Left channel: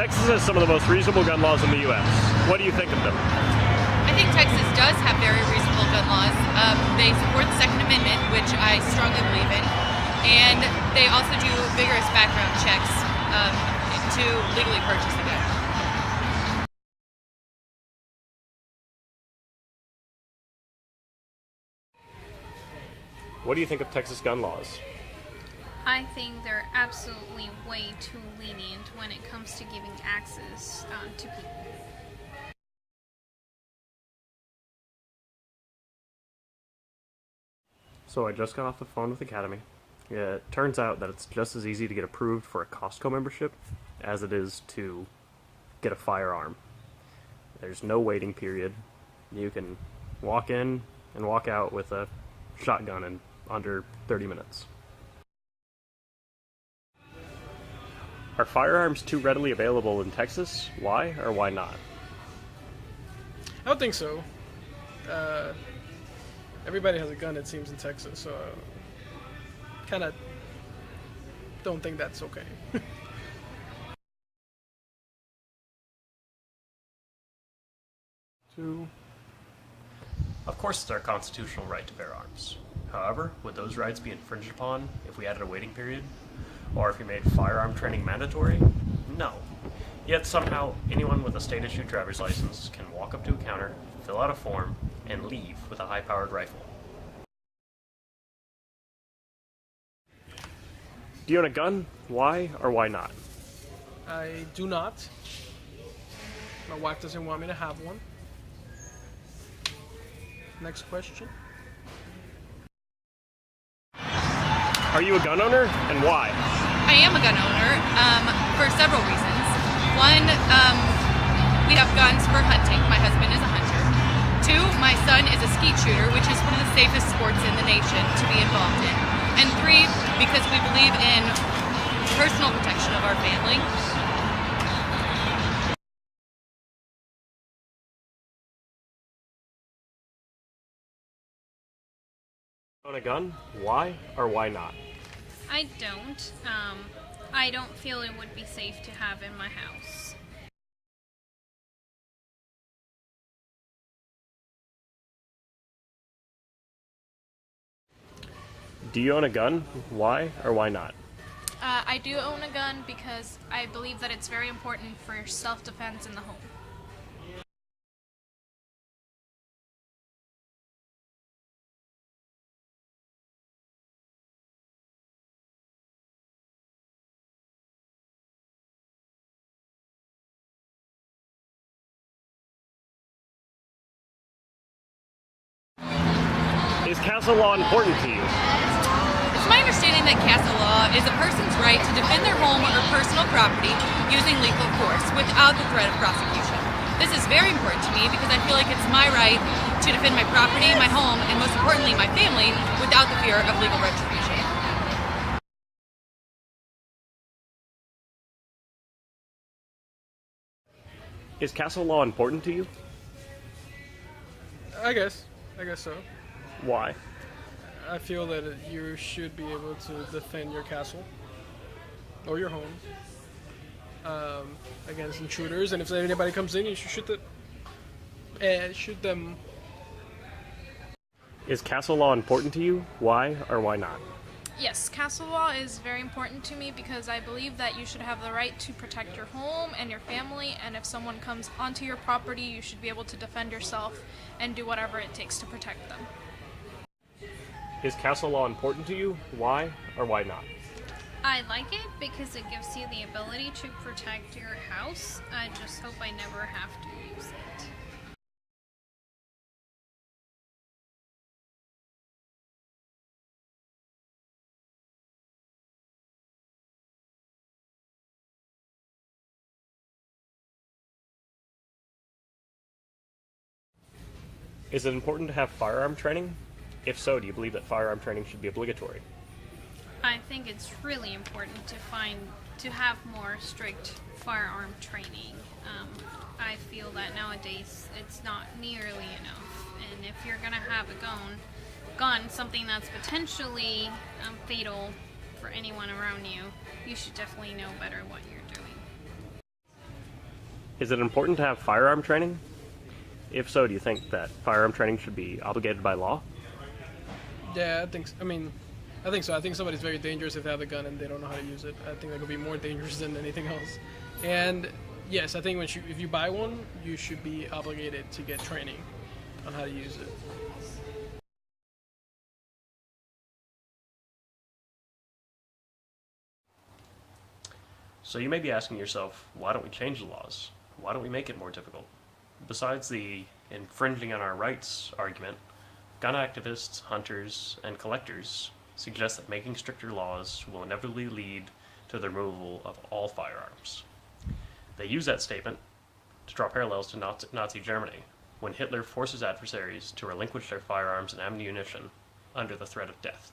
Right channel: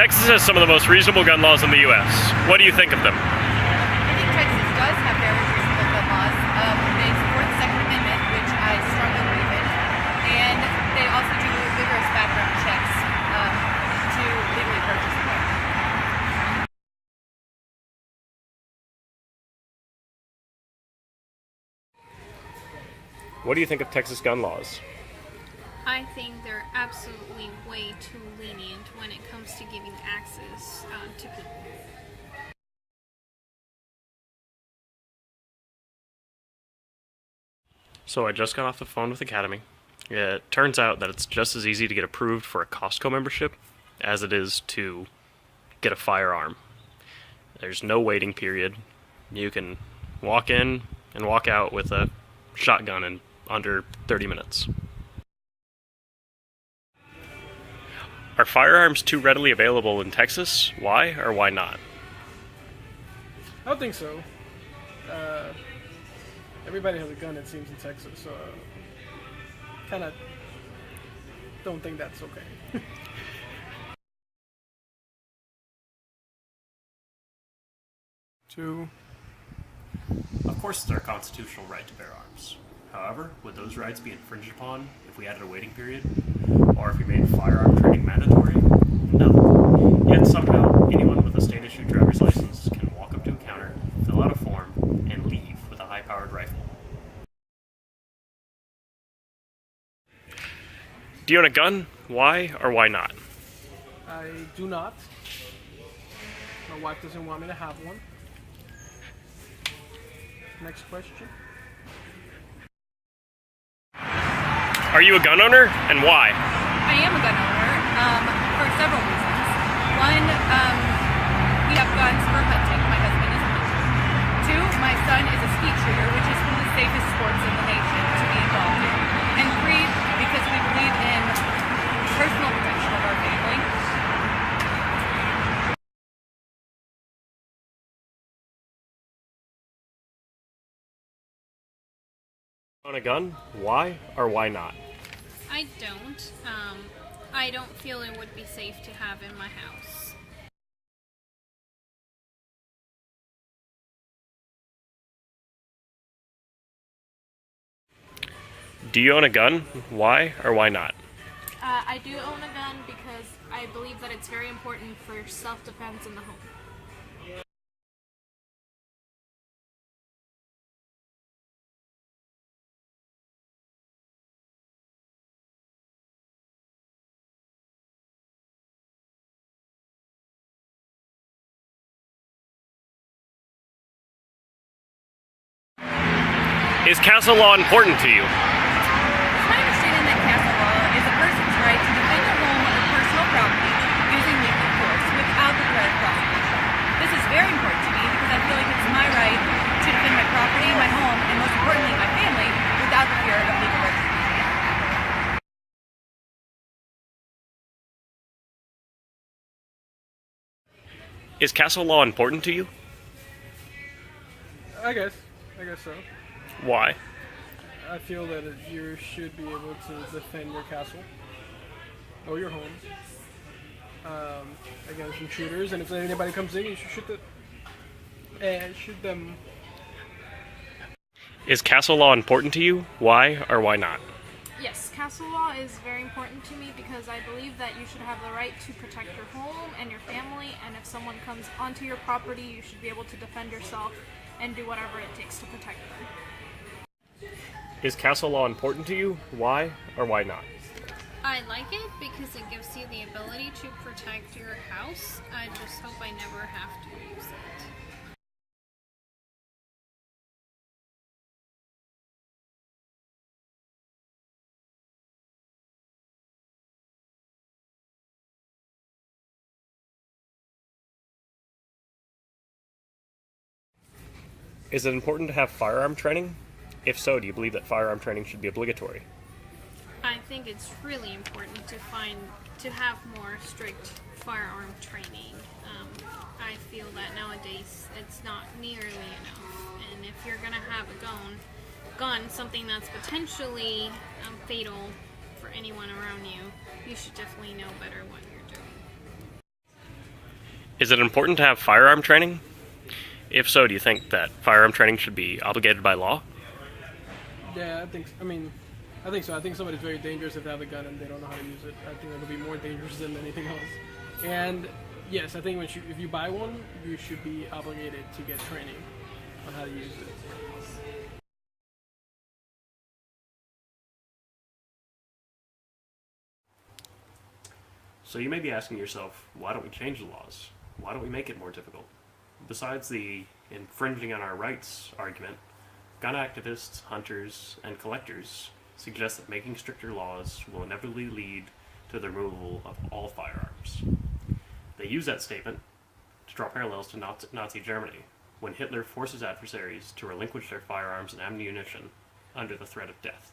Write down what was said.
Texas has some of the most reasonable gun laws in the U.S. What do you think of them? I think Texas does have very reasonable gun laws. They support the Second Amendment, which I strongly believe in, and they also do vigorous background checks to legally purchase the gun. What do you think of Texas gun laws? I think they're absolutely way too lenient when it comes to giving access to people. So I just got off the phone with Academy. It turns out that it's just as easy to get approved for a Costco membership as it is to get a firearm. There's no waiting period. You can walk in and walk out with a shotgun in under 30 minutes. Are firearms too readily available in Texas? Why or why not? I don't think so. Everybody has a gun, it seems, in Texas, so kind of don't think that's okay. Of course, it's our constitutional right to bear arms. However, would those rights be infringed upon if we added a waiting period? Or if we made firearm training mandatory? No. Yet somehow, anyone with a state-issued driver's license can walk up to a counter, fill out a form, and leave with a high-powered rifle. Do you own a gun? Why or why not? I do not. My wife doesn't want me to have one. Next question. Are you a gun owner, and why? I am a gun owner for several reasons. One, we have guns for hunting. My husband is a hunter. Two, my son is a skeet shooter, which is one of the safest sports in the nation to be involved in. And three, because we believe in personal protection of our family. Own a gun? Why or why not? I don't. I don't feel it would be safe to have in my house. Do you own a gun? Why or why not? I do own a gun because I believe that it's very important for self-defense in the home. Is castle law important to you? It's my understanding that castle law is a person's right to defend their home or personal property using legal force without the threat of prosecution. This is very important to me because I feel like it's my right to defend my property, my home, and most importantly, my family without the fear of legal retribution. Is castle law important to you? I guess so. Why? I feel that you should be able to defend your castle or your home against intruders, and if anybody comes in, you should shoot them. Is castle law important to you? Why or why not? Yes, castle law is very important to me because I believe that you should have the right to protect your home and your family, and if someone comes onto your property, you should be able to defend yourself and do whatever it takes to protect them. Is castle law important to you? Why or why not? I like it because it gives you the ability to protect your house. I just hope I never have to use it. Is it important to have firearm training? If so, do you believe that firearm training should be obligatory? I think it's really important to have more strict firearm training. I feel that nowadays it's not nearly enough. And if you're gonna have a gun, something that's potentially fatal for anyone around you, you should definitely know better what you're doing. Is it important to have firearm training? If so, do you think that firearm training should be obligated by law? Yeah, I think so. I think somebody's very dangerous if they have a gun and they don't know how to use it. I think that could be more dangerous than anything else. And yes, I think if you buy one, you should be obligated to get training on how to use it. So you may be asking yourself, why don't we change the laws? Why don't we make it more difficult? Besides the infringing on our rights argument, gun activists, hunters, and collectors suggest that making stricter laws will inevitably lead to the removal of all firearms. They use that statement to draw parallels to Nazi Germany, when Hitler forced his adversaries to relinquish their firearms and ammunition under the threat of death.